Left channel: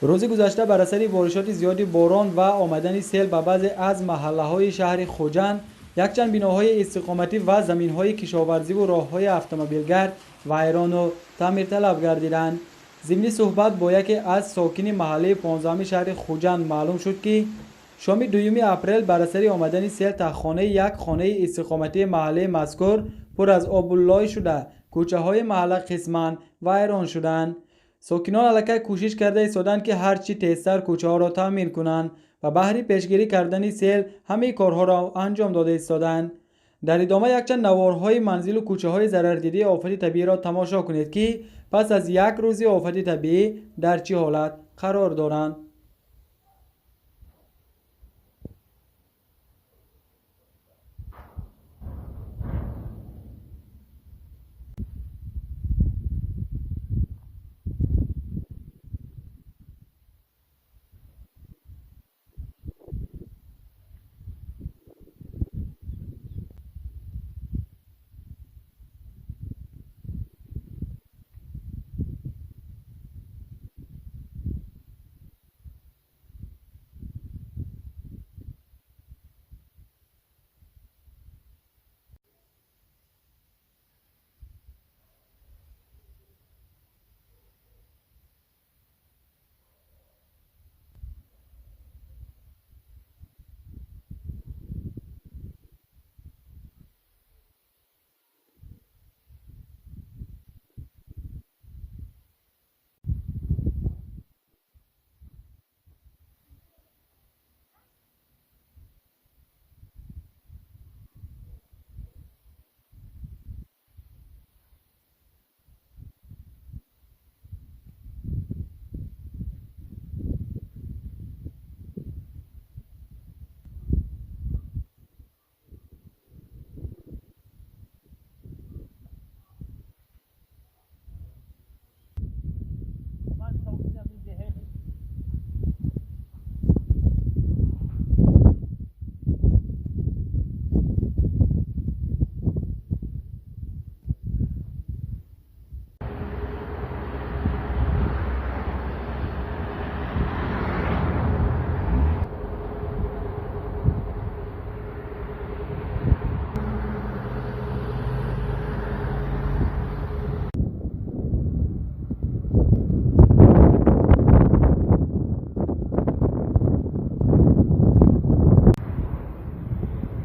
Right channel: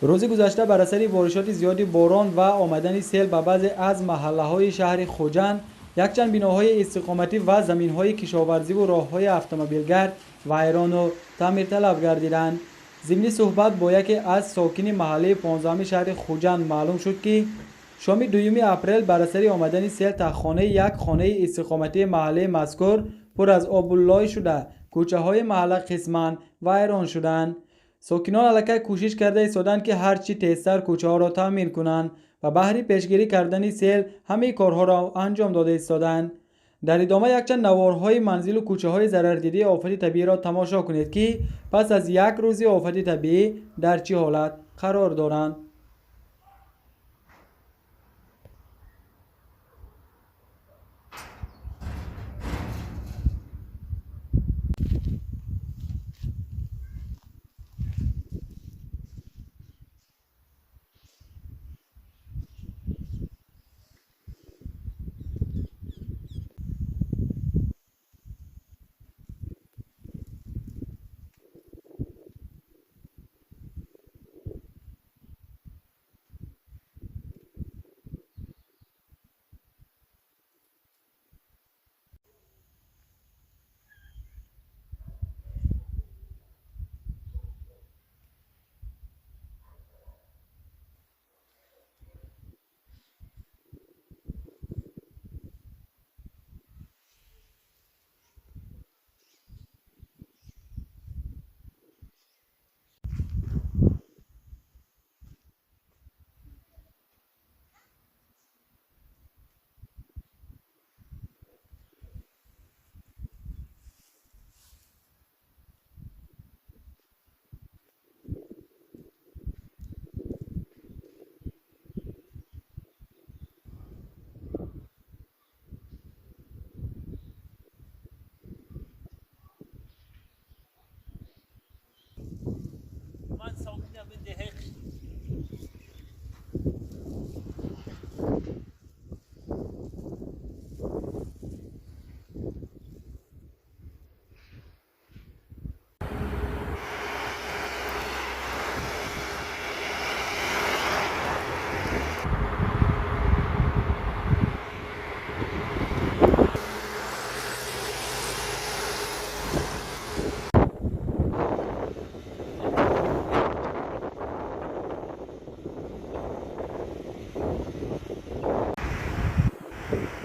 روز گذشته بر اثر بارشات زیاد باران و آمدن سیل به بعضی از محله‌های شهر خوجند یکچند بناهای استقامتی و زمین‌های کشاورزی و راه‌های اتومبیلگرد ویران و تعمیر طلب گردیدند. ضمن صحبت با یکی از ساکنین محله 15 شهر خوجند معلوم شد که شام 2 اپریل بر اثر آمدن سیل تخانه یک خانه استقامتی محله مذکور پر از آب و لای شده، کوچه‌های محله قسماً ویران شدند. ساکنان علاقه کوشش کرده ایستادند که هرچی تیزتر کوچه ها را تعمیر کنند و بهر پیشگیری کردن سیل همه کارها را انجام داده ایستادند. در ادامه یکچند نوارهای منزل و کوچه های ضرر دیده آفت طبیعی را تماشا کنید که پس از یک روز آفت طبیعی در چه حالت قرار دارند.